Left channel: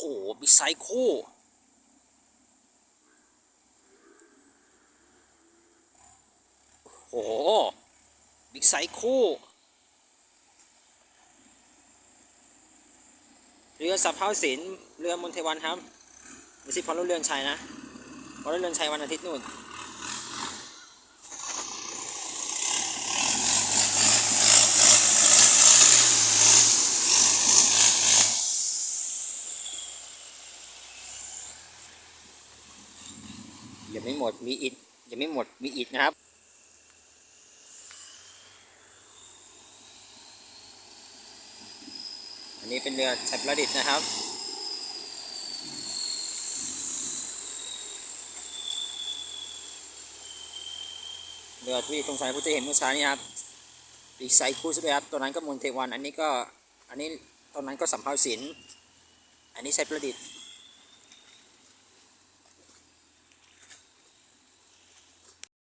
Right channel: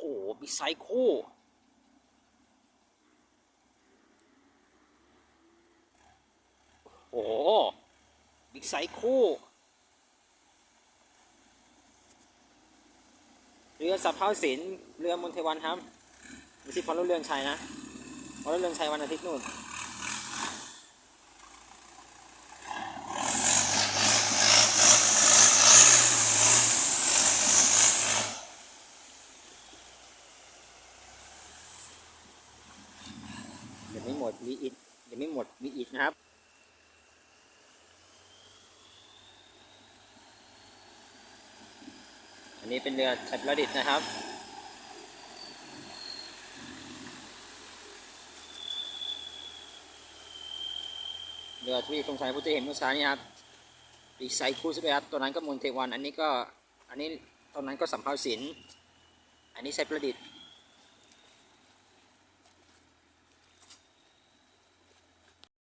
หบิ๊กไซค์คู่โอ้โหบิ๊กไซค์คู่เรือสับเท้าศิลเรือมนเทวันครับไม่ใช่พอรถเรือนชัยนะพอรถเรือนชัยวันอาทิตย์นู่น ยังไม่หมดมีอีกยังไม่หมดมีอีกนะครับอันนี้เป็นเรือชัยประดิษฐ์นะครับเรือที่ตรงสายพุทธเห็นเมื่อเช้านี้ครับปีกไซคู่ใช่ไหมครับตัวนั้นก็มนเทวัน อันนี้ก็อันนี้ตอนนั้นก็สัมภาวสิน อันนี้ใชัยประดิษฐ์